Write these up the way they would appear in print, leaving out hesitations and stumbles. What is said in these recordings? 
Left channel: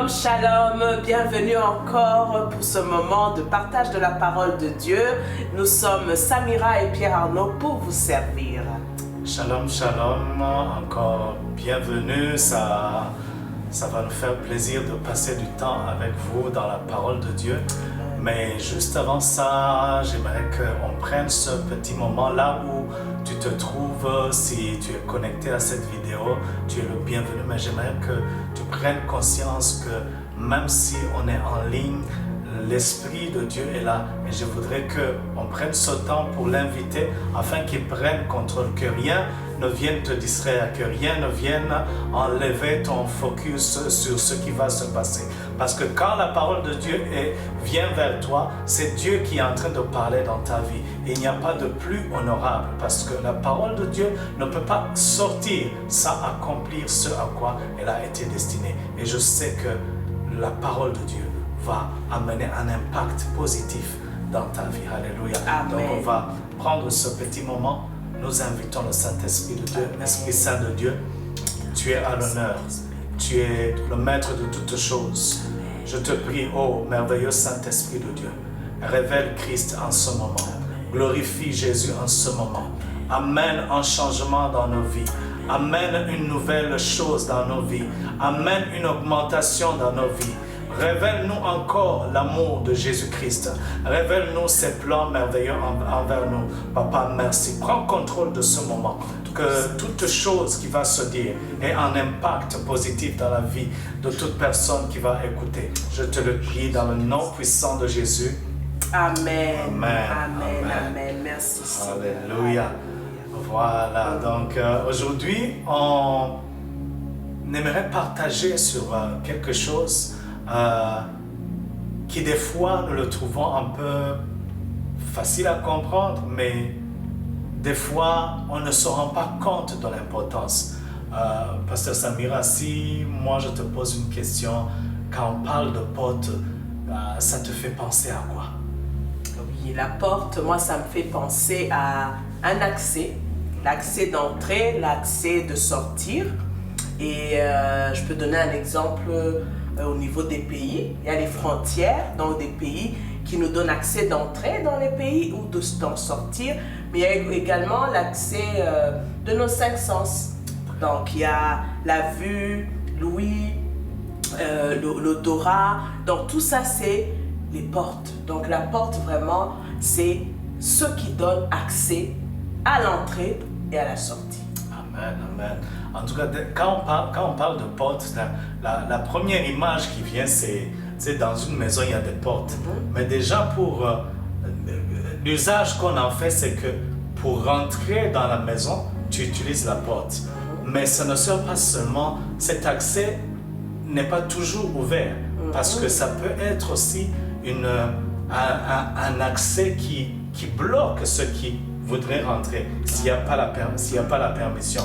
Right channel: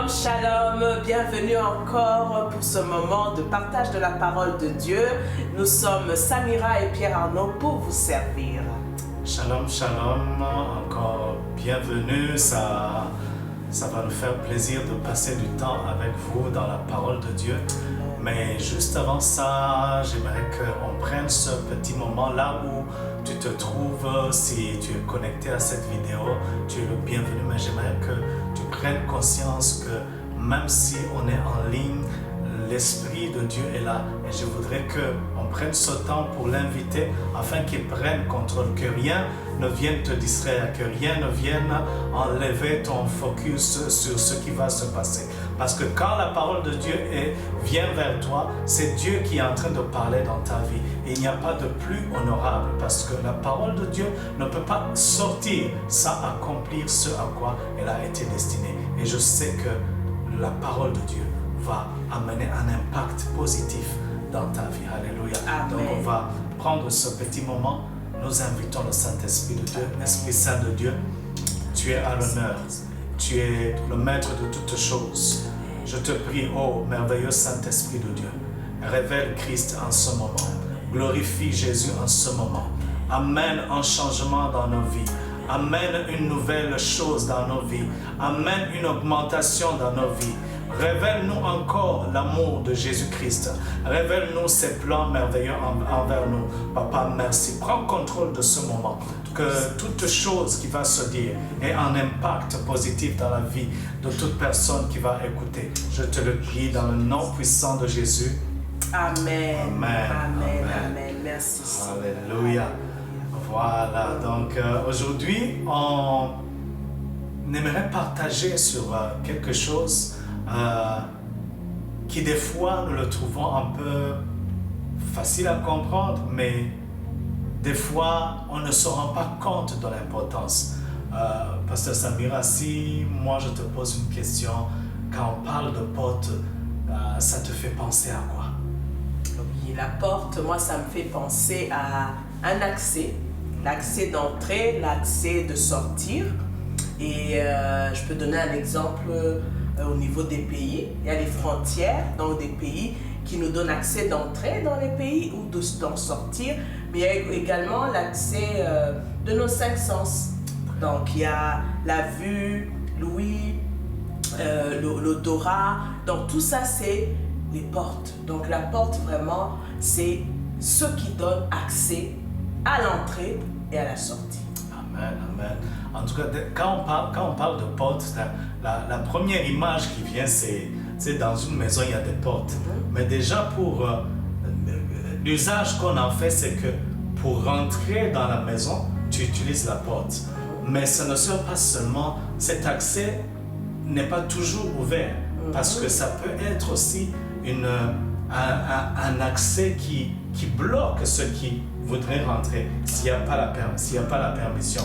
Shalom, shalom, bienvenue encore pour ce moment de partage de la parole de Dieu. Nous sommes Samira et Pierre Arnaud pour vous servir. Shalom, shalom, encore bienvenue. Ça va nous faire plaisir de passer du temps avec vous dans la parole de Dieu. Mais juste avant ça, j'aimerais qu'on prenne ce petit moment là où tu te trouves. Si tu es connecté à cette vidéo, tu es le bienvenu. Mais j'aimerais que tu prennes conscience que même si on est en ligne, l'Esprit de Dieu est là. Et je voudrais qu'on prenne ce temps pour l'inviter afin qu'il prenne contrôle, que rien ne vienne te distraire, que rien ne vienne enlever ton focus sur ce qui va se passer. Parce que quand la parole de Dieu vient vers toi, c'est Dieu qui est en train de parler dans ta vie. Et il n'y a pas de plus honorable parce que la parole de Dieu ne peut pas sortir sans accomplir ce à quoi elle a été destinée. Et je sais que la parole de Dieu va amener un impact positif dans ta vie. Alléluia. Amen. Donc on va prendre ce petit moment. Nous invitons le Saint-Esprit de Dieu, l'Esprit Saint de Dieu. Tu es à l'honneur. Tu es le maître de toutes choses. Je te prie, ô merveilleux Saint-Esprit de Dieu, révèle Christ en ce moment. Glorifie Jésus en ce moment. Amène un changement dans nos vies. Amène une nouvelle chose dans nos vies. Amène une augmentation dans nos vies. Révèle-nous encore l'amour de Jésus-Christ. Révèle-nous ses plans merveilleux envers nous. Papa, merci. Prends contrôle de ce moment. Que toute chose qui va se dire ait un impact positif dans la vie de toute personne qui va écouter. Je te le prie dans le nom puissant de Jésus. Amen. Amen. Amen. Amen. Merci. Alléluia. Voilà. Donc aujourd'hui, on aimerait partager sur quelque chose qui des fois nous le trouvons un peu facile à comprendre, mais des fois on ne se rend pas compte de l'importance. Pasteur Samira, si moi je te pose une question, quand on parle de porte, ça te fait penser à quoi? Oui, la porte, moi ça me fait penser à un accès, l'accès d'entrée, l'accès de sortir. Et je peux donner un exemple. Au niveau des pays, il y a les frontières dans des pays qui nous donnent accès d'entrer dans les pays ou d'en sortir, mais il y a également l'accès de nos cinq sens. Donc il y a la vue, l'ouïe, l'odorat, donc tout ça c'est les portes. Donc la porte vraiment c'est ce qui donne accès à l'entrée et à la sortie. Amen, amen. En tout cas, quand on parle de porte, la première image qui vient, c'est dans une maison, il y a des portes. Mais déjà, pour l'usage qu'on en fait, c'est que pour rentrer dans la maison, tu utilises la porte. Mais ça ne sert pas seulement, cet accès n'est pas toujours ouvert. Parce que ça peut être aussi un accès qui bloque ceux qui voudraient rentrer s'il n'y a pas la permission.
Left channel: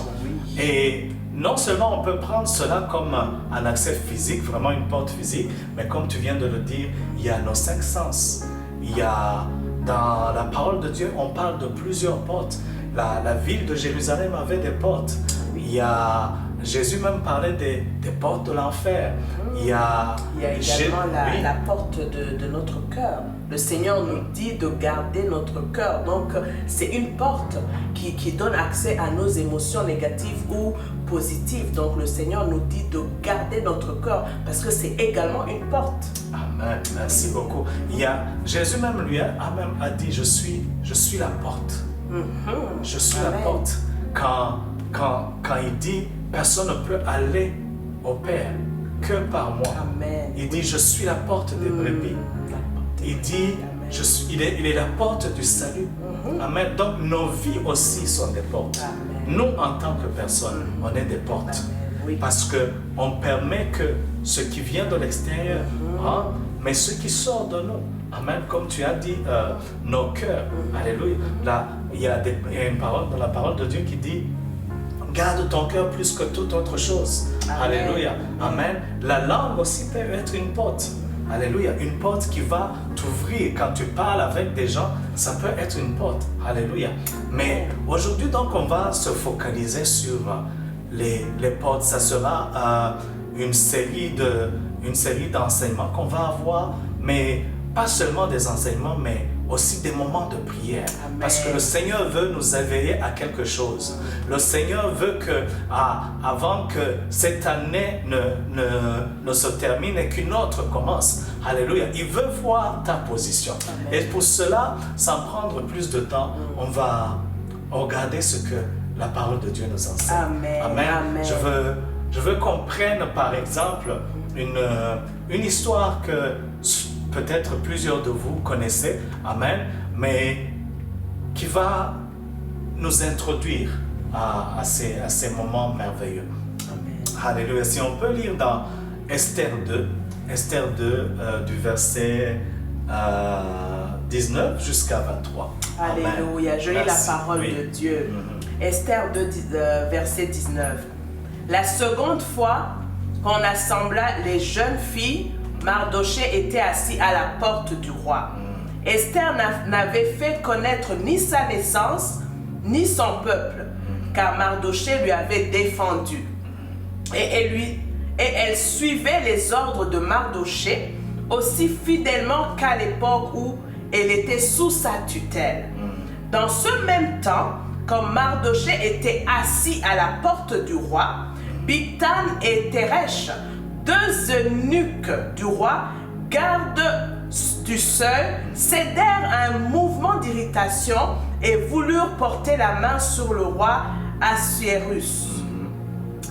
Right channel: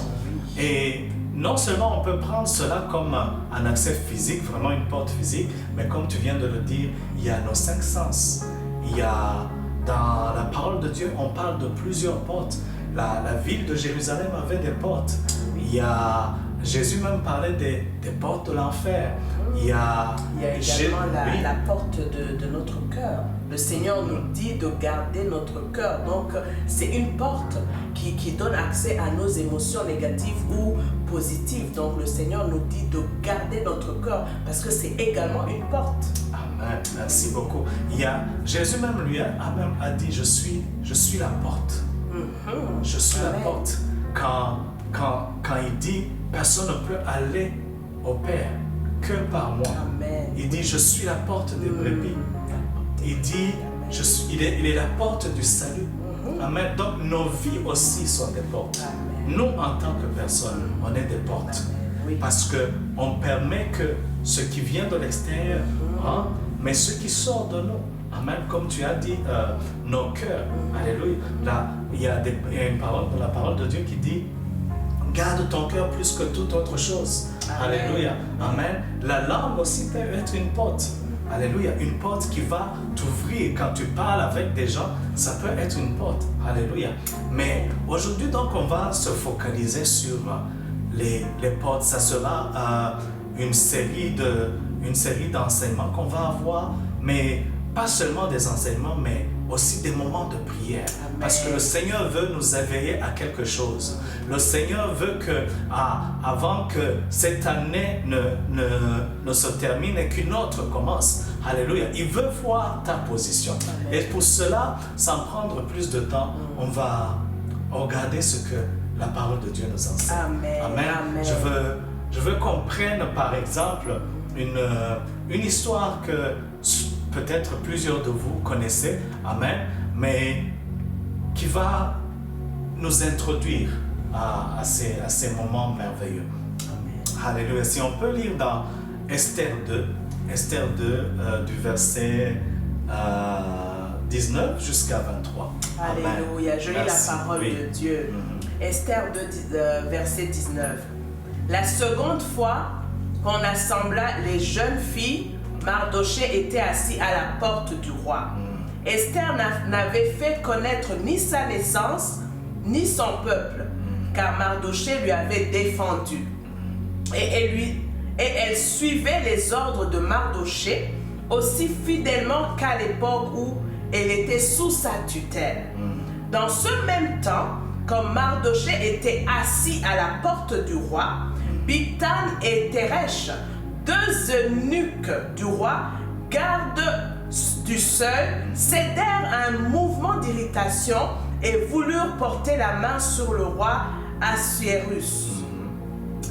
Et non seulement on peut prendre cela comme un accès physique, vraiment une porte physique, mais comme tu viens de le dire, il y a nos cinq sens. Il y a, dans la parole de Dieu, on parle de plusieurs portes. La ville de Jérusalem avait des portes. Il y a, Jésus même parlait des portes de l'enfer. Il y a également la porte de notre cœur. Le Seigneur nous dit de garder notre cœur. Donc, c'est une porte qui donne accès à nos émotions négatives ou positives. Donc, le Seigneur nous dit de garder notre cœur parce que c'est également une porte. Amen. Merci beaucoup. Jésus même lui a dit, je suis la porte. Je suis la porte. Quand il dit, personne ne peut aller au Père que par moi. Amen. Il dit, je suis la porte des brebis. Il dit, il est la porte du salut. Amen. Donc nos vies aussi sont des portes. Amen. Nous, en tant que personnes, on est des portes. Oui. Parce qu'on permet que ce qui vient de l'extérieur, mais ce qui sort de nous. Amen. Comme tu as dit, nos cœurs. Alléluia. Là, il y a une parole dans la parole de Dieu qui dit, garde ton cœur plus que toute autre chose. Amen. Alléluia. Amen. La langue aussi peut être une porte. Alléluia. Une porte qui va t'ouvrir. Quand tu parles avec des gens, ça peut être une porte. Alléluia. Mais aujourd'hui, donc, on va se focaliser sur les portes. Ça sera une série d'enseignements qu'on va avoir, mais pas seulement des enseignements, mais aussi des moments de prière. Amen. Parce que le Seigneur veut nous éveiller à quelque chose. Le Seigneur veut que, avant que cette année ne se termine et qu'une autre commence, alléluia, il veut voir ta position. Amen. Et pour cela, sans prendre plus de temps, on va regarder ce que la parole de Dieu nous enseigne. Amen. Amen. Amen. Je veux qu'on prenne par exemple une histoire que peut-être plusieurs de vous connaissez, amen, mais qui va nous introduire à ces moments merveilleux. Amen. Alléluia. Si on peut lire dans Esther 2, du verset 19 jusqu'à 23. Alléluia. Amen. Je lis Merci. la parole Oui. de Dieu. Mhm. Esther 2, verset 19. La seconde fois qu'on assembla les jeunes filles, Mardochée était assis à la porte du roi. Esther n'avait fait connaître ni sa naissance, ni son peuple, car Mardochée lui avait défendu. Et elle suivait les ordres de Mardochée aussi fidèlement qu'à l'époque où elle était sous sa tutelle. Dans ce même temps, comme Mardochée était assis à la porte du roi, Bigtan et Teresh, deux eunuques du roi, gardes du seuil, cédèrent à un mouvement d'irritation et voulurent porter la main sur le roi Assuérus.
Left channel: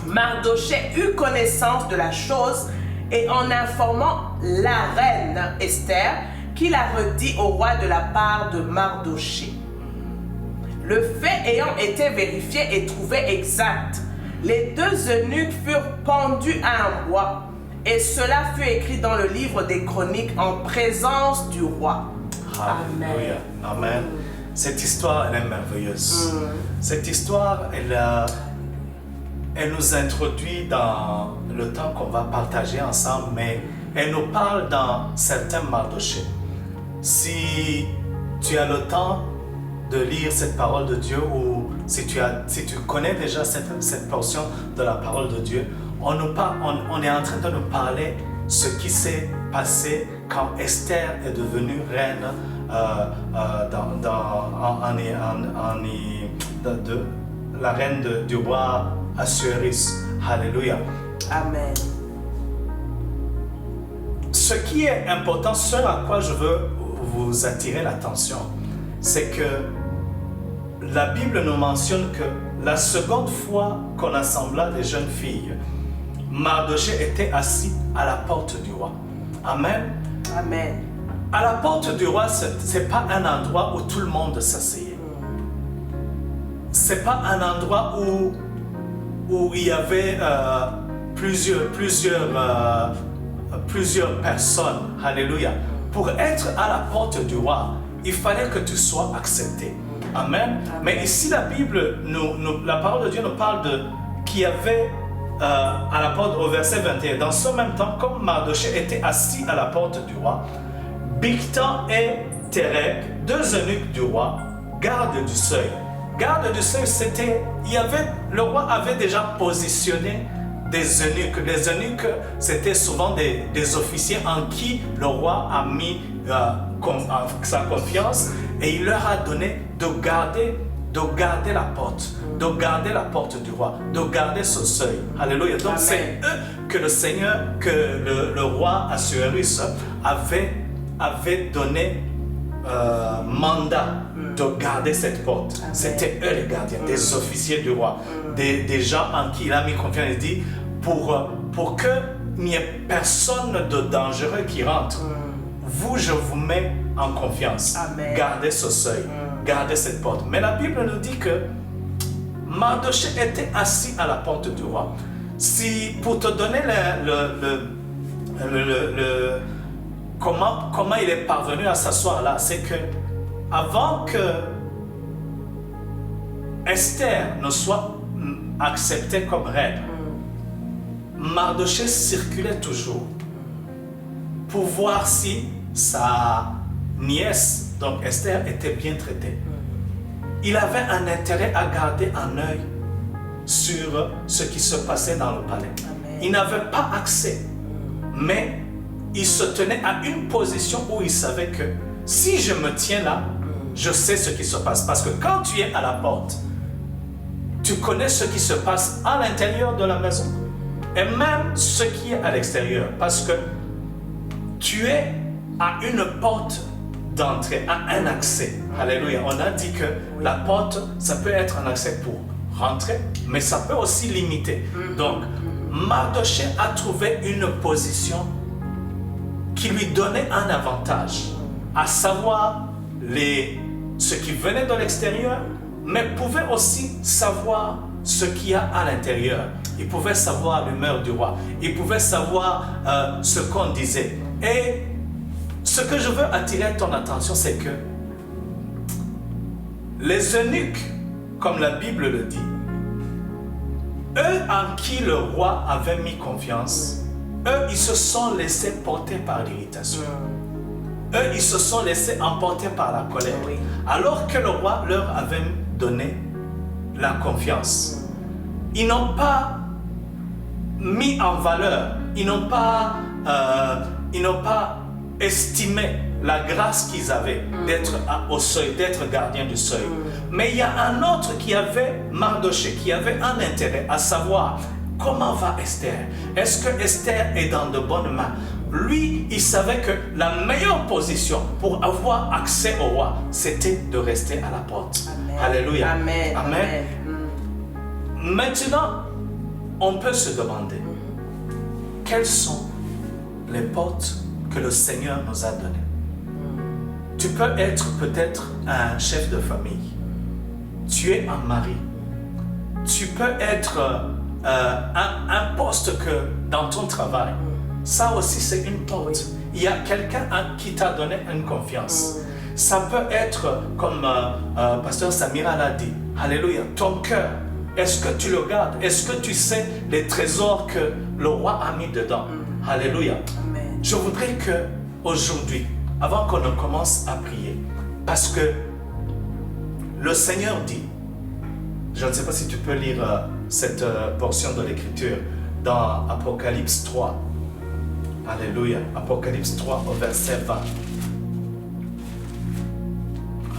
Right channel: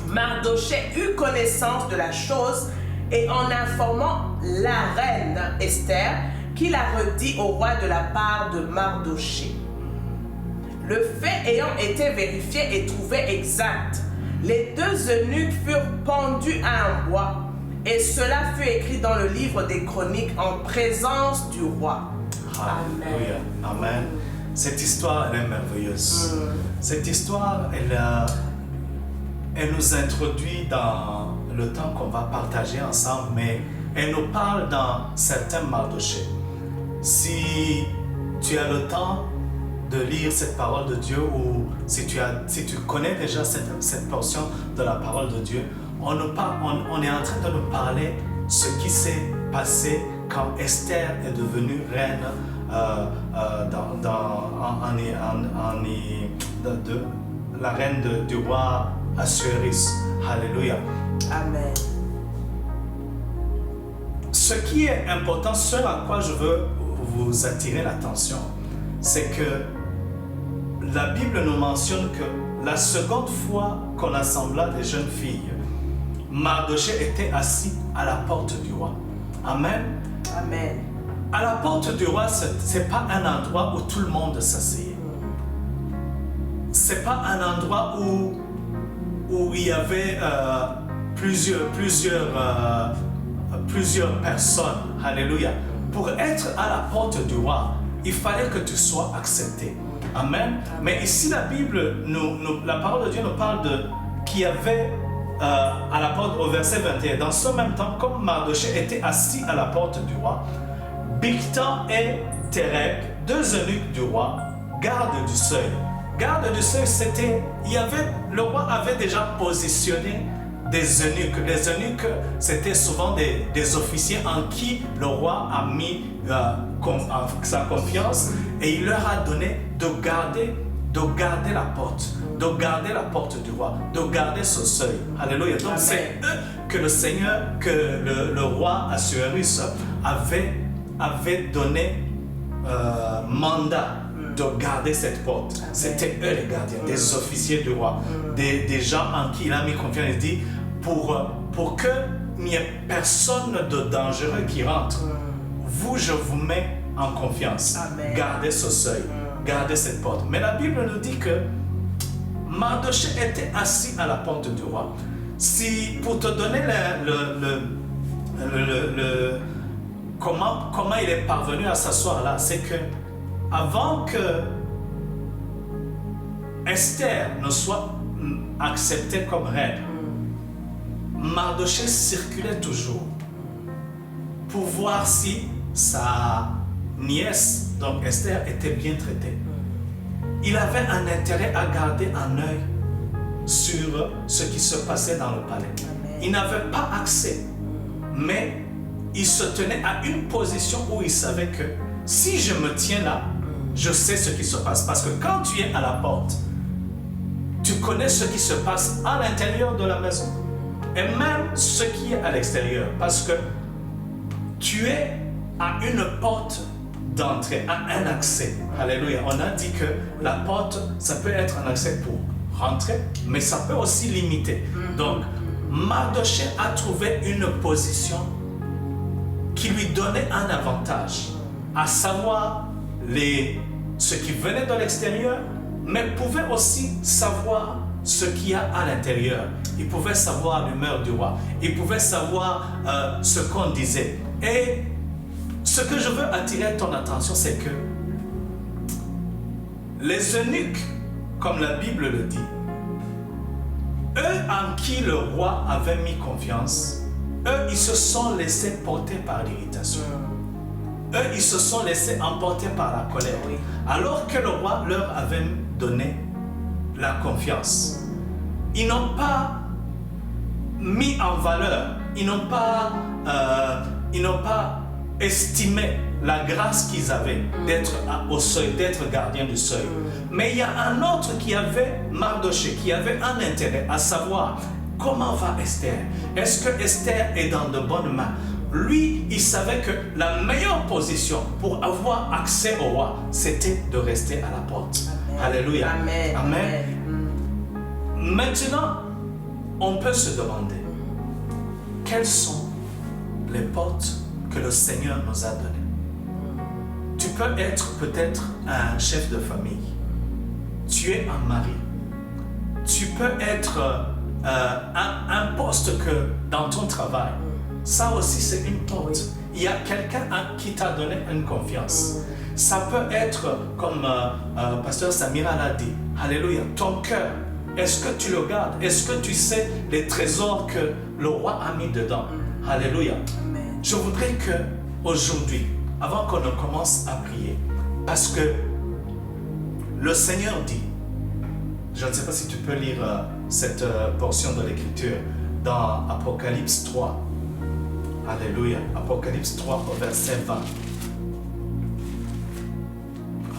Mardochée eut connaissance de la chose et en informant la reine Esther, qui la redit au roi de la part de Mardochée. Le fait ayant été vérifié et trouvé exact, les deux eunuques furent pendus à un bois, et cela fut écrit dans le livre des chroniques en présence du roi. Alléluia. Amen. Cette histoire, elle est merveilleuse. Cette histoire, elle nous introduit dans le temps qu'on va partager ensemble, mais elle nous parle dans certains Mardochée. Si tu as le temps de lire cette parole de Dieu, ou si tu connais déjà cette portion de la parole de Dieu, on est en train de nous parler ce qui s'est passé quand Esther est devenue reine la reine du roi Assuérus. Alléluia. Amen. Ce qui est important, ce à quoi je veux vous attirer l'attention, c'est que la Bible nous mentionne que la seconde fois qu'on assembla des jeunes filles, Mardochée était assis à la porte du roi. Amen. Amen. À la porte du roi, ce n'est pas un endroit où tout le monde s'asseyait. Ce n'est pas un endroit où il y avait plusieurs personnes. Alléluia. Pour être à la porte du roi, il fallait que tu sois accepté. Amen. Mais ici, la Bible, la parole de Dieu nous parle qu'il y avait à la porte, au verset 21, dans ce même temps, comme Mardochée était assis à la porte du roi, Bigtan et Teresh, deux eunuques du roi, gardes du seuil. Garde du seuil, le roi avait déjà positionné des eunuques. Les eunuques, c'était souvent des officiers en qui le roi a mis sa confiance, et il leur a donné de garder la porte, de garder la porte du roi, de garder ce seuil. Alléluia. Donc c'est eux que le Seigneur, que le roi Assuérus avait donné mandat de garder cette porte. Amen. C'était eux les gardiens, des officiers du roi, des gens en qui il a mis confiance. Il dit, pour qu'il n'y ait personne de dangereux qui rentre, je vous mets en confiance. Amen. Gardez ce seuil, gardez cette porte. Mais la Bible nous dit que Mardochée était assis à la porte du roi. Pour te donner comment il est parvenu à s'asseoir là, c'est que avant que Esther ne soit acceptée comme reine, Mardochée circulait toujours pour voir si sa nièce, donc Esther, était bien traitée. Il avait un intérêt à garder un œil sur ce qui se passait dans le palais. Amen. Il n'avait pas accès. Mais il se tenait à une position où il savait que si je me tiens là, je sais ce qui se passe. Parce que quand tu es à la porte, tu connais ce qui se passe à l'intérieur de la maison et même ce qui est à l'extérieur. Parce que tu es à une porte d'entrée, à un accès. Alléluia. On a dit que la porte, ça peut être un accès pour rentrer, mais ça peut aussi limiter. Donc, Mardochée a trouvé une position qui lui donnait un avantage, à savoir ce qui venait de l'extérieur, mais pouvait aussi savoir ce qu'il y a à l'intérieur. Il pouvait savoir l'humeur du roi. Il pouvait savoir ce qu'on disait. Et ce que je veux attirer ton attention, c'est que les eunuques, comme la Bible le dit, eux en qui le roi avait mis confiance, eux, ils se sont laissés porter par l'irritation. Eux, ils se sont laissés emporter par la colère. Alors que le roi leur avait donné la confiance. Ils n'ont pas mis en valeur, ils n'ont pas estimé la grâce qu'ils avaient d'être au seuil, d'être gardien du seuil. Mais il y a un autre qui avait Mardochée, qui avait un intérêt à savoir comment va Esther. Est-ce que Esther est dans de bonnes mains? Lui, il savait que la meilleure position pour avoir accès au roi, c'était de rester à la porte. Amen. Alléluia. Amen. Amen. Maintenant, on peut se demander quelles sont les portes que le Seigneur nous a données. Tu peux être peut-être un chef de famille. Tu es un mari. Tu peux être un poste que dans ton travail. Ça aussi, c'est une porte. Il y a quelqu'un qui t'a donné une confiance. Ça peut être, comme Pasteur Samira l'a dit, Alléluia, ton cœur. Est-ce que tu le gardes? Est-ce que tu sais les trésors que le roi a mis dedans? Alléluia. Amen. Je voudrais que aujourd'hui, avant qu'on ne commence à prier, parce que le Seigneur dit, je ne sais pas si tu peux lire cette portion de l'Écriture dans Apocalypse 3. Alléluia. Apocalypse 3 au verset 20.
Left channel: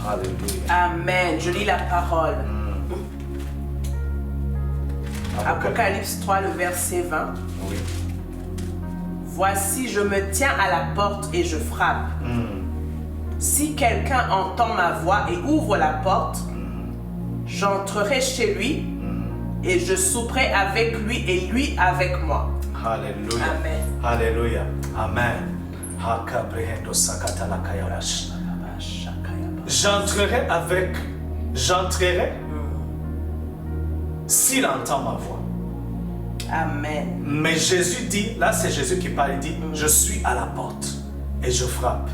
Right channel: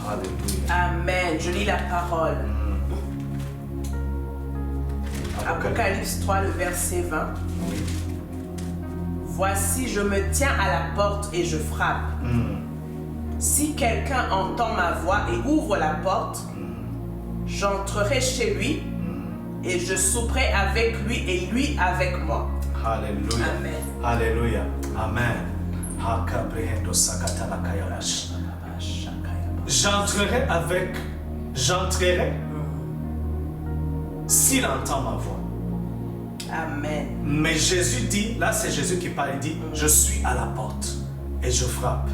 Alléluia. Amen. Je lis la parole. Apocalypse 3, le verset 20. Oui. Voici, je me tiens à la porte et je frappe. Si quelqu'un entend ma voix et ouvre la porte, j'entrerai chez lui et je souperai avec lui et lui avec moi. Alléluia. Amen. Alléluia. Amen. J'entrerai s'il entend ma voix. Amen. Mais Jésus dit, là c'est Jésus qui parle, il dit, je suis à la porte et je frappe.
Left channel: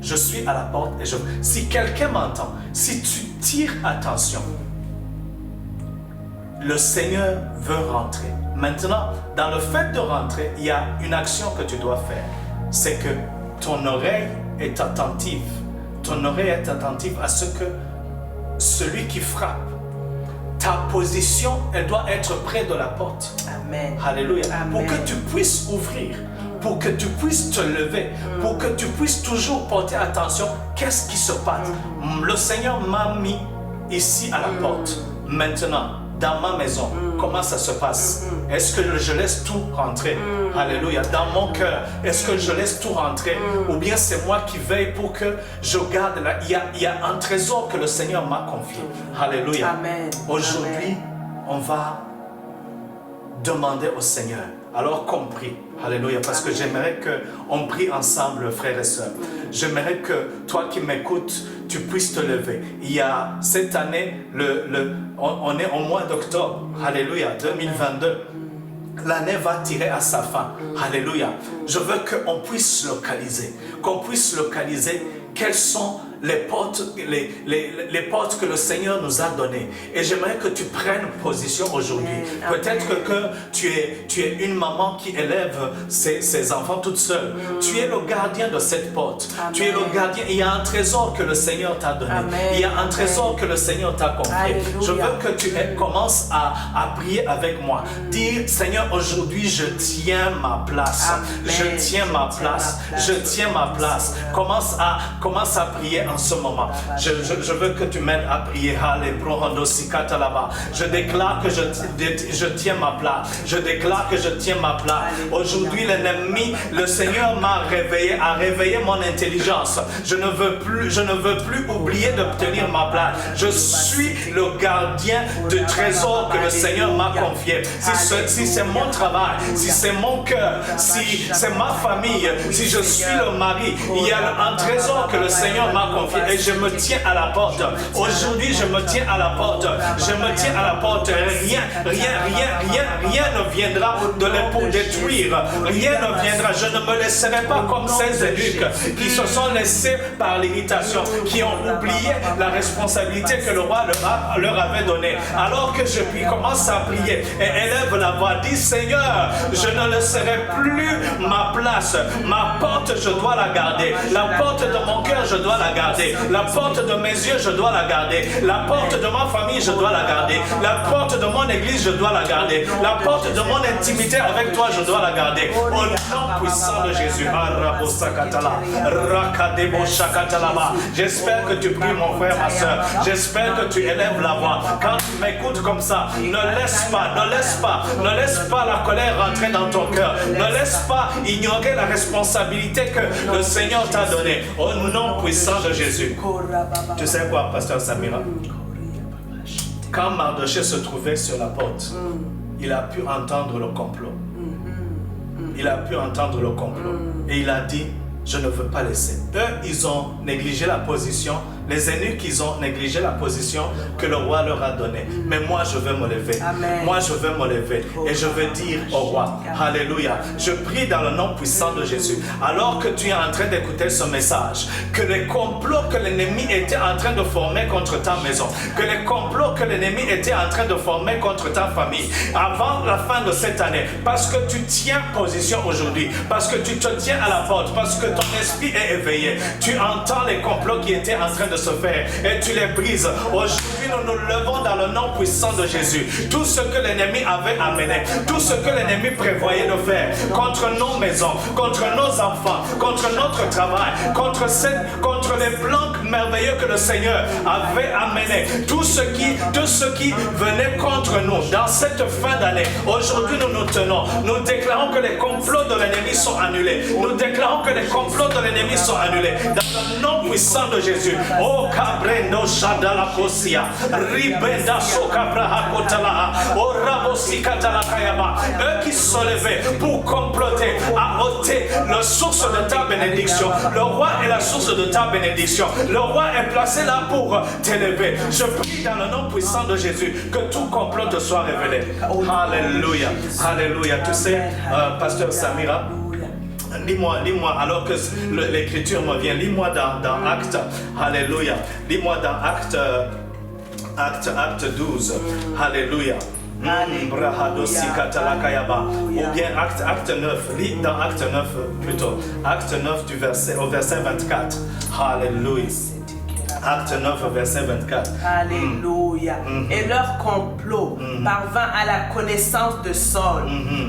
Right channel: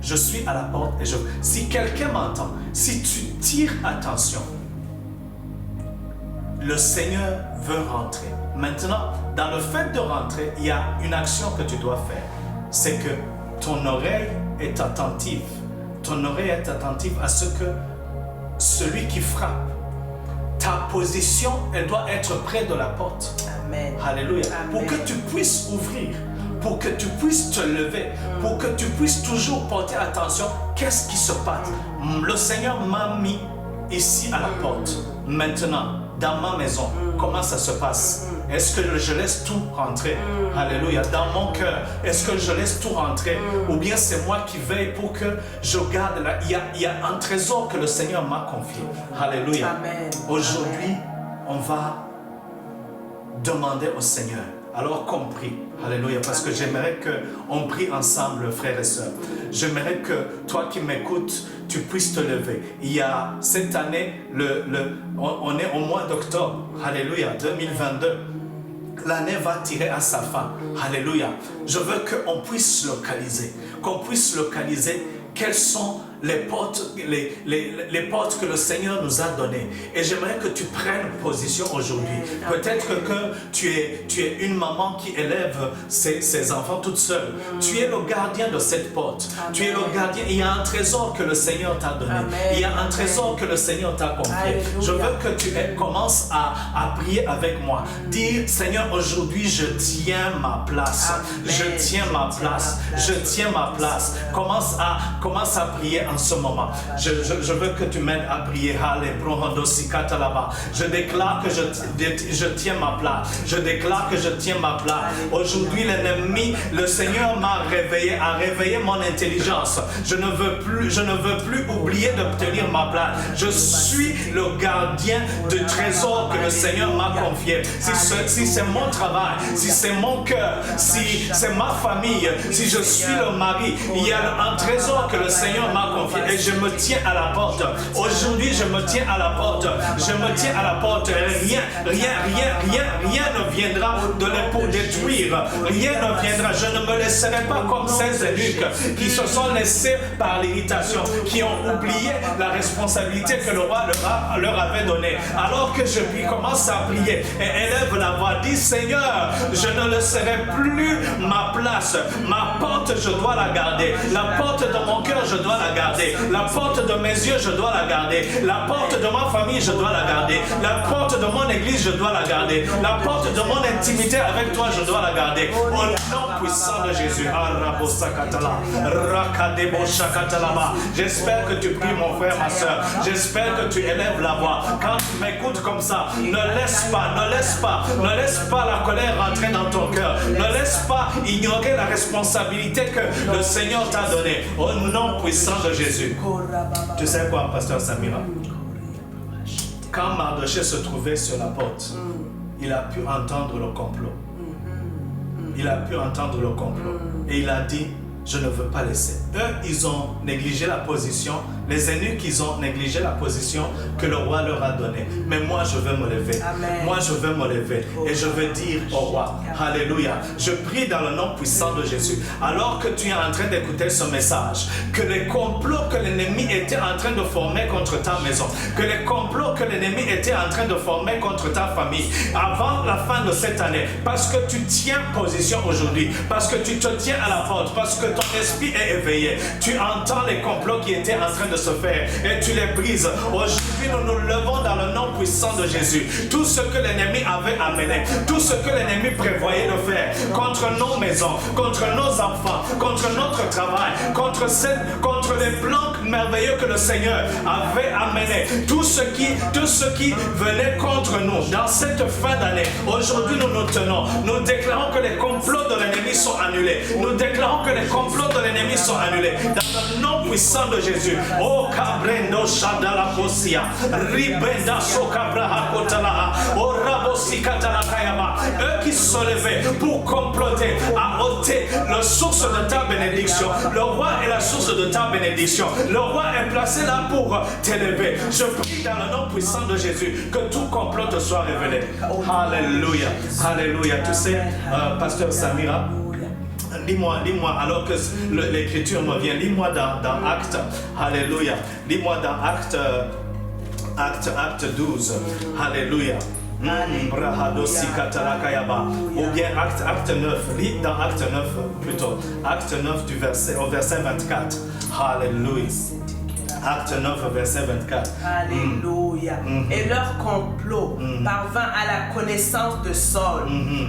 Je suis à la porte et je... Si quelqu'un m'entend, si tu tires attention, le Seigneur veut rentrer. Maintenant, dans le fait de rentrer, il y a une action que tu dois faire. C'est que ton oreille est attentive. Ton oreille est attentive à ce que celui qui frappe, ta position, elle doit être près de la porte. Amen. Alléluia. Amen. Pour que tu puisses ouvrir, pour que tu puisses te lever, pour que tu puisses toujours porter attention, qu'est-ce qui se passe? Le Seigneur m'a mis ici à la porte. Maintenant, dans ma maison, comment ça se passe? Est-ce que je laisse tout rentrer? Alléluia. Dans mon cœur, est-ce que je laisse tout rentrer? Ou bien c'est moi qui veille pour que je garde là? Il y a un trésor que le Seigneur m'a confié. Alléluia. Amen. Aujourd'hui, on va demander au Seigneur. Alors qu'on prie. Alléluia. Parce que j'aimerais qu'on prie ensemble, frères et sœurs. J'aimerais que toi qui m'écoutes, tu puisses te lever. Il y a cette année, on est au mois d'octobre. Alléluia. 2022. L'année va tirer à sa fin. Alléluia. Je veux qu'on puisse localiser. Qu'on puisse localiser quelles sont les portes que le Seigneur nous a données. Et j'aimerais que tu prennes position aujourd'hui. Peut-être que tu es une maman qui élève ses enfants toute seule. Tu es le gardien de cette porte. Amen. Tu es le gardien. Il y a un trésor que le Seigneur t'a donné. Amen. Il y a un trésor que le Seigneur t'a confié. Alléluia. Je veux que tu commences à prier avec moi. Dire, Seigneur, aujourd'hui, je tiens ma place. Amen. Je tiens ma place. Je tiens ma place. Commence à prier en ce moment. Je veux que tu m'aides à prier. Je déclare que je tiens ma place. Je déclare que je tiens ma place. Aujourd'hui, l'ennemi, le Seigneur m'a réveillé, a réveillé mon intelligence. Je ne veux plus oublier d'obtenir ma place. Je suis le gardien du trésor que le Seigneur m'a confié. Si c'est mon travail, si c'est mon cœur, si c'est ma famille, si je suis le mari, il y a un trésor que le Seigneur m'a confié et je me tiens à la porte. Aujourd'hui, je me tiens à la porte. Je me tiens à la porte. Rien ne viendra pour détruire. Rien ne viendra. Je ne me laisserai pas comme ces eunuques qui se sont laissés par l'irritation, qui ont oublié la responsabilité que le roi leur avait donnée. Alors que je commence à prier et élève la voix, dit Seigneur, je ne laisserai plus ma place. Ma porte, je dois la garder. La porte de mon cœur, je dois la garder. La porte de mes yeux, je dois la garder. La porte de ma famille, je dois la garder. La porte de mon église, je dois la garder. La porte de mon intimité avec toi, je dois la garder. Au nom puissant de Jésus. J'espère que tu pries, mon frère, ma soeur. J'espère que tu élèves la voix. Quand tu m'écoutes comme ça, ne laisse pas la colère rentrer dans ton cœur. Ne laisse pas ignorer la responsabilité que le Seigneur t'a donnée. Au nom puissant de Jésus. Tu sais quoi, pasteur Samira? Quand Mardoché se trouvait sur la porte, il a pu entendre le complot. Il a pu entendre le complot. Et il a dit, je ne veux pas laisser. Eux, ils ont négligé la position. Les eunuques, ils ont négligé la position que le roi leur a donnée. Mais moi, je vais me lever. Amen. Moi, je vais me lever. Et je vais dire au roi, Alléluia. Je prie dans le nom puissant de Jésus. Alors que tu es en train d'écouter ce message, que les complots que l'ennemi était en train de former contre ta maison, que les complots que l'ennemi était en train de former contre ta famille, avant la fin de cette année, parce que tu tiens position aujourd'hui, parce que tu te tiens à la porte, parce que ton esprit est éveillé, tu entends les complots qui étaient en train de se faire et tu les brises. Aujourd'hui, nous nous levons dans le nom puissant de Jésus. Tout ce que l'ennemi avait amené, tout ce que l'ennemi prévoyait de faire contre nos maisons, contre nos enfants, contre notre travail, contre les plans merveilleux que le Seigneur avait amené, tout ce qui venait contre nous dans cette fin d'année, aujourd'hui nous nous tenons, nous déclarons que les complots de l'ennemi sont annulés, nous déclarons que les complots de l'ennemi sont annulés dans le nom puissant de Jésus. Oh Cabrendo Shadala Kosia, Ribenda Sokabraha Kotala, Oh Rabosi Katala Kayaba, eux qui se sont levés pour comploter à ôter la source de ta bénédiction. Le roi est la source de ta bénédiction. Le roi est placé là pour t'élever. Je prie dans le nom puissant de Jésus que tout complot te soit révélé. Alléluia, Alléluia. Tu sais, pasteur Samira, lis-moi, alors que l'écriture me vient, lis-moi dans Actes, Alléluia, lis-moi dans Acte 12, Alléluia. Ou bien Acte 9, lis dans Acte 9 plutôt, Acte 9 au verset 24, Alléluia. Acte 9, verset 24. Alléluia. Et leur complot parvint à la connaissance de Saul.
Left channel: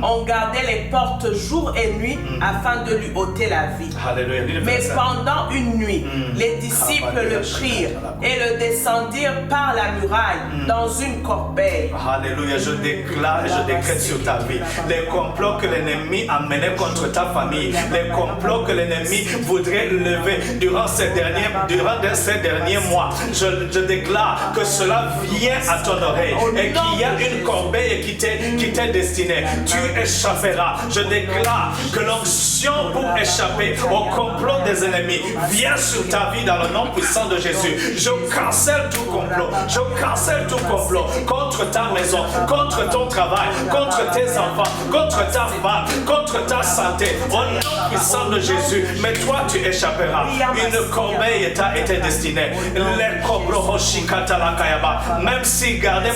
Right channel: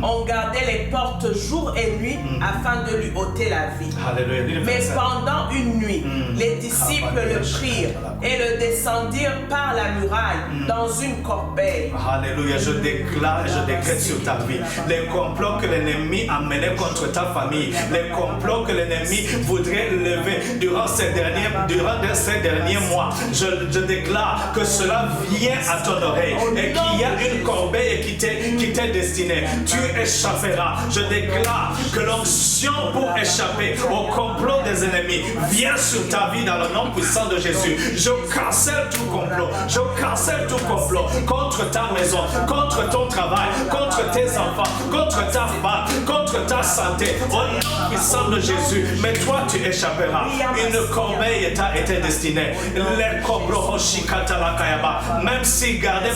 On gardait les portes jour et nuit afin de lui ôter la vie. Alléluia. Mais pendant une nuit, les disciples le prirent et le descendirent par la muraille dans une corbeille. Alléluia. Je déclare et je décrète sur ta vie les complots que l'ennemi a menés contre ta famille, les complots que l'ennemi voudrait lever durant ces derniers mois. Je déclare que cela vient à ton oreille et qu'il y a une corbeille qui t'est destinée. Tu échapperas. Je déclare que l'onction pour échapper au complot des ennemis vient sur ta vie dans le nom puissant de Jésus. Je cancelle tout complot. Je cancelle tout complot contre ta maison, contre ton travail, contre tes enfants, contre ta femme, contre ta santé. Au nom puissant de Jésus, mais toi tu échapperas. Une corbeille t'a été destinée. Même si gardez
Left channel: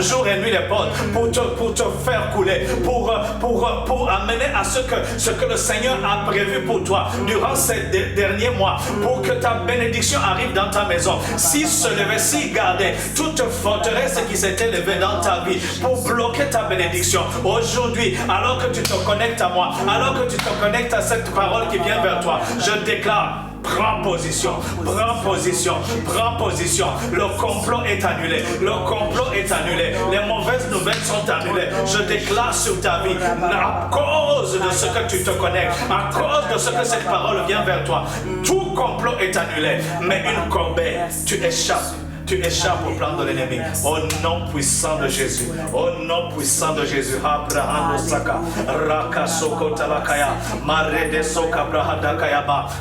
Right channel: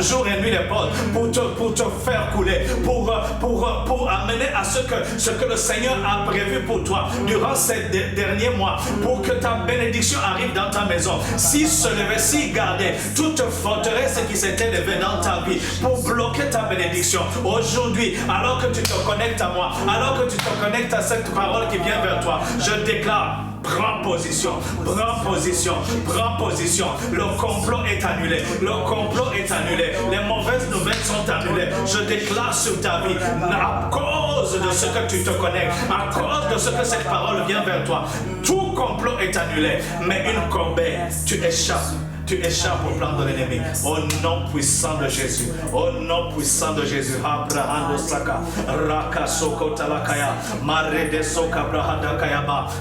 jour et nuit les portes pour te faire couler, pour amener à ce que le Seigneur a prévu pour toi durant ces derniers mois, pour que ta bénédiction arrive dans ta maison. Si se levait, si gardait toute forteresse qui s'était levée dans ta vie pour bloquer ta bénédiction, aujourd'hui, alors que tu te connectes à moi, alors que tu te connectes à cette parole qui vient vers toi, je déclare: prends position, prends position, prends position. Le complot est annulé, le complot est annulé. Les mauvaises nouvelles sont annulées. Je déclare sur ta vie, à cause de ce que tu te connectes, à cause de ce que cette parole vient vers toi, tout complot est annulé. Mais une corbeille, tu échappes. Tu échappes au plan de l'ennemi. Au nom puissant de Jésus. Au nom puissant de Jésus.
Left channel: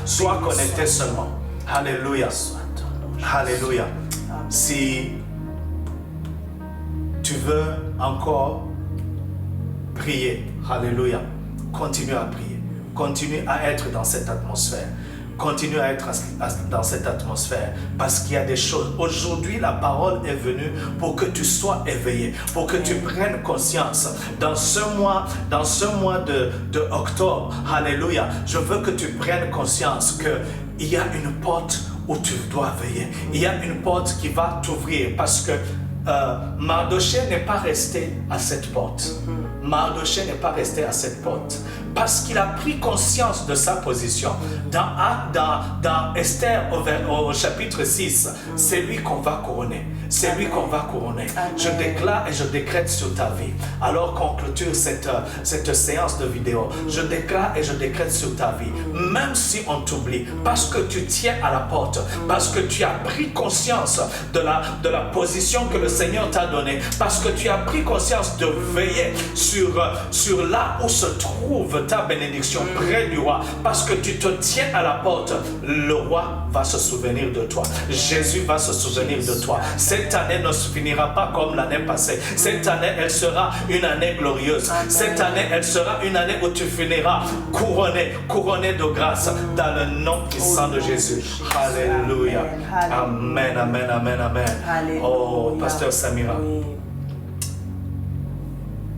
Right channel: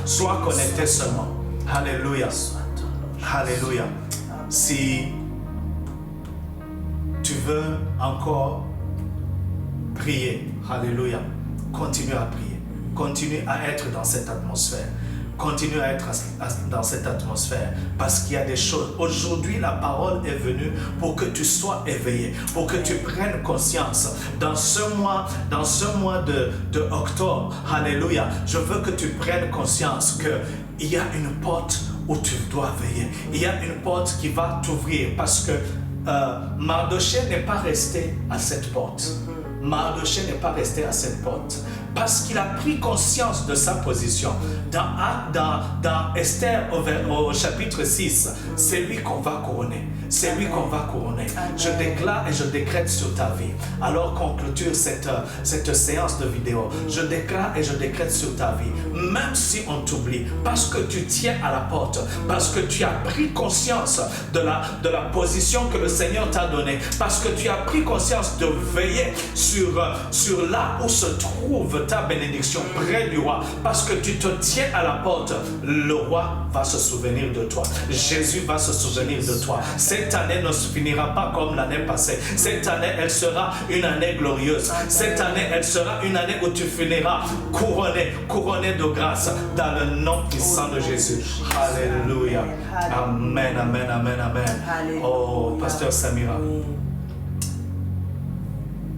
Sois connecté seulement. Alléluia. Alléluia. Si tu veux encore prier, alléluia, continue à prier. Continue à être dans cette atmosphère. Continue à être dans cette atmosphère parce qu'il y a des choses. Aujourd'hui, la parole est venue pour que tu sois éveillé, pour que tu prennes conscience. Dans ce mois de octobre, alléluia, je veux que tu prennes conscience qu'il y a une porte où tu dois veiller. Il y a une porte qui va t'ouvrir parce que Mardochée n'est pas resté à cette porte. Mardochée n'est pas resté à cette porte. Parce qu'il a pris conscience de sa position. Dans Esther au chapitre 6, c'est lui qu'on va couronner. C'est lui qu'on va couronner. Je déclare et je décrète sur ta vie. Alors qu'on clôture cette séance de vidéo, je déclare et je décrète sur ta vie. Même si on t'oublie, parce que tu tiens à la porte, parce que tu as pris conscience de la position que le Seigneur t'a donnée, parce que tu as pris conscience de veiller sur là où se trouve ta bénédiction près du roi, parce que tu te tiens à la porte, le roi va se souvenir de toi. Jésus va se souvenir de toi. Cette année ne se finira pas comme l'année passée. Cette année, elle sera une année glorieuse. Cette année, elle sera une année où tu finiras couronné de grâce dans le nom puissant de Jésus. Alléluia. Amen, amen, amen, amen. Oh, Pasteur Samira,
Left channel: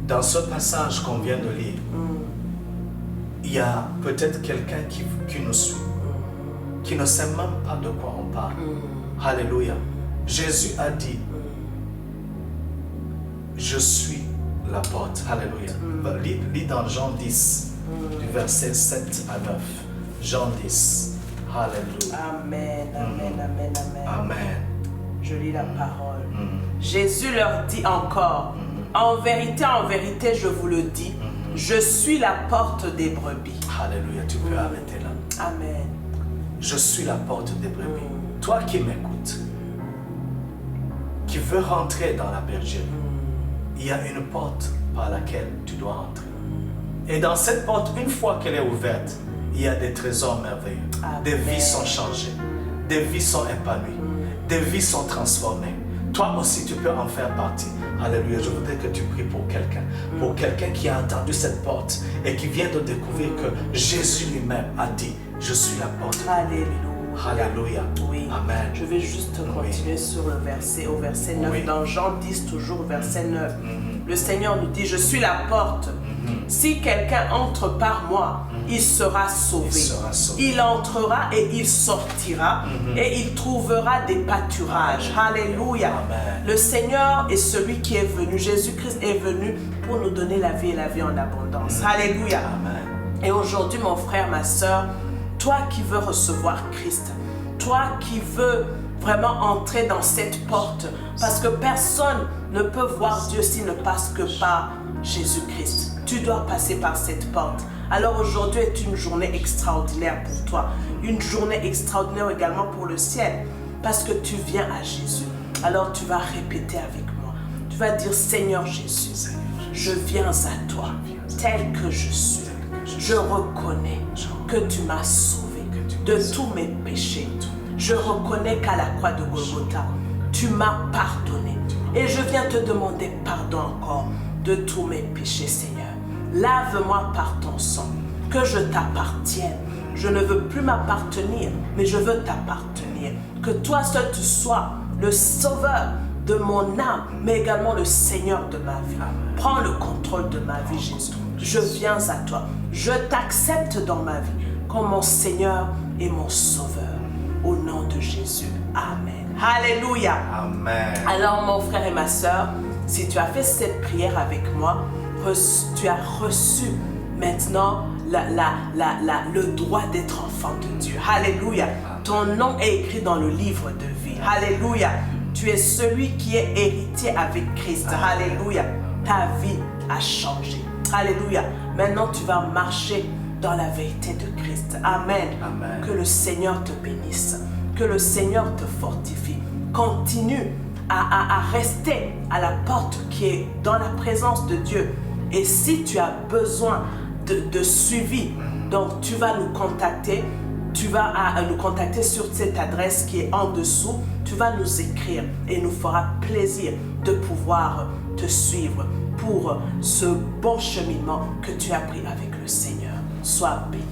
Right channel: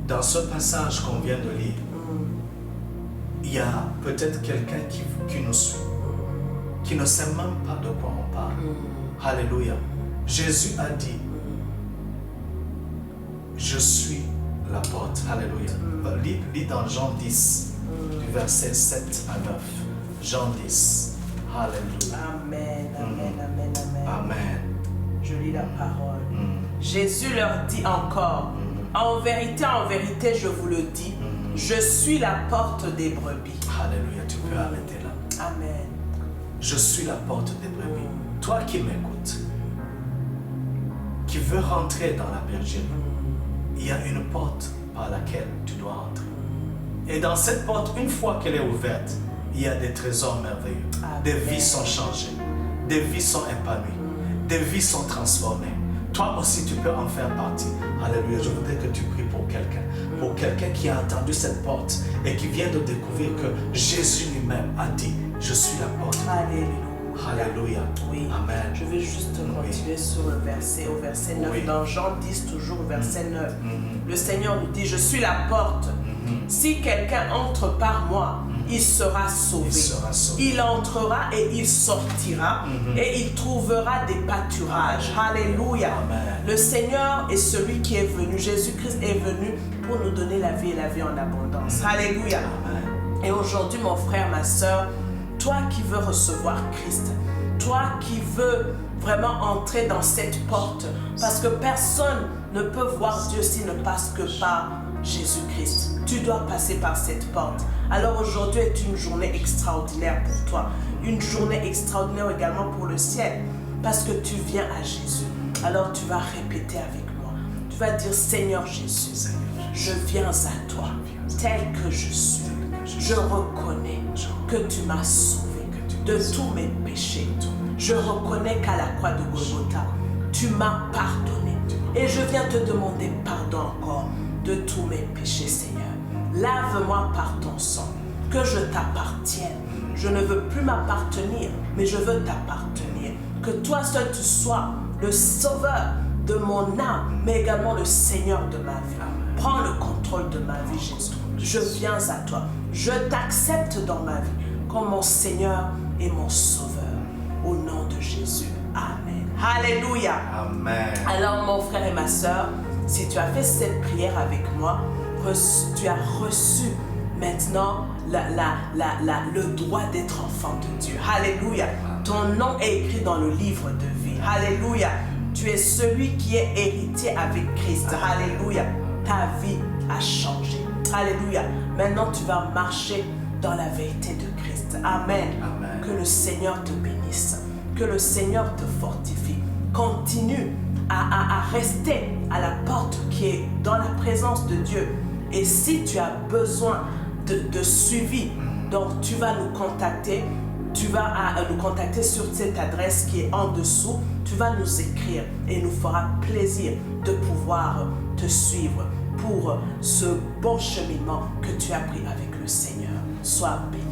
dans ce passage qu'on vient de lire, il y a peut-être quelqu'un qui nous suit, qui ne sait même pas de quoi on parle. Alléluia. Jésus a dit, je suis la porte. Alléluia. Lis dans Jean 10, du verset 7 à 9. Jean 10. Alléluia. Amen, amen, amen, amen. Amen. Je lis la parole. Jésus leur dit encore, en vérité, je vous le dis, je suis la porte des brebis. Alléluia, tu peux arrêter là. Amen. Je suis la porte des brebis. Toi qui m'écoutes, qui veux rentrer dans la bergerie, il y a une porte par laquelle tu dois entrer. Et dans cette porte, une fois qu'elle est ouverte, il y a des trésors merveilleux. Amen. Des vies sont changées, des vies sont épanouies, des vies sont transformées. Toi aussi, tu peux en faire partie. Alléluia. Je voudrais que tu pries pour quelqu'un qui a entendu cette porte et qui vient de découvrir que Jésus lui-même a dit, je suis la porte. Alléluia. Alléluia. Oui. Amen. Je vais juste continuer sur le verset, au verset 9. Dans Jean 10, toujours verset 9. Le Seigneur nous dit, je suis la porte. Si quelqu'un entre par moi, il sera sauvé. Il entrera et il sortira et il trouvera des pâturages. Alléluia. Le Seigneur est celui qui est venu. Jésus-Christ est venu pour nous donner la vie et la vie en abondance. Alléluia. Et aujourd'hui, mon frère, ma soeur, toi qui veux recevoir Christ, toi qui veux vraiment entrer dans cette porte, parce que personne ne peut voir Dieu s'il ne passe que par Jésus-Christ. Tu dois passer par cette porte. Alors aujourd'hui est une journée extraordinaire pour toi, une journée extraordinaire également pour le ciel, parce que tu viens à Jésus. Alors tu vas répéter avec moi. Tu vas dire, Seigneur Jésus, je viens à toi, tel que je suis. Je reconnais que tu m'as sauvé de tous mes péchés. Je reconnais qu'à la croix de Golgotha, tu m'as pardonné. Et je viens te demander pardon encore de tous mes péchés, Seigneur. Lave-moi par ton sang, que je t'appartienne. Je ne veux plus m'appartenir, mais je veux t'appartenir. Que toi seul tu sois le sauveur de mon âme, mais également le Seigneur de ma vie. Prends le contrôle de ma vie, Jésus. Je viens à toi. Je t'accepte dans ma vie comme mon Seigneur et mon Sauveur. Au nom de Jésus. Amen. Alléluia. Amen. Alors, mon frère et ma soeur, si tu as fait cette prière avec moi, tu as reçu maintenant le droit d'être enfant de Dieu. Alléluia. Ton nom est écrit dans le livre de vie. Alléluia. Tu es celui qui est héritier avec Christ. Alléluia. Ta vie a changé. Alléluia. Maintenant, tu vas marcher dans la vérité de Christ. Amen. Amen. Que le Seigneur te bénisse. Que le Seigneur te fortifie. Continue à rester à la porte qui est dans la présence de Dieu. Et si tu as besoin de suivi, donc tu vas nous contacter. Tu vas nous contacter sur cette adresse qui est en dessous. Tu vas nous écrire et nous fera plaisir de pouvoir te suivre pour ce bon cheminement que tu as pris avec le Seigneur. Sois béni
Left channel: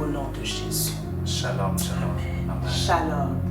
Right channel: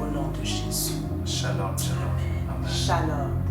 au nom de Jésus. Shalom, shalom. Amen. Shalom.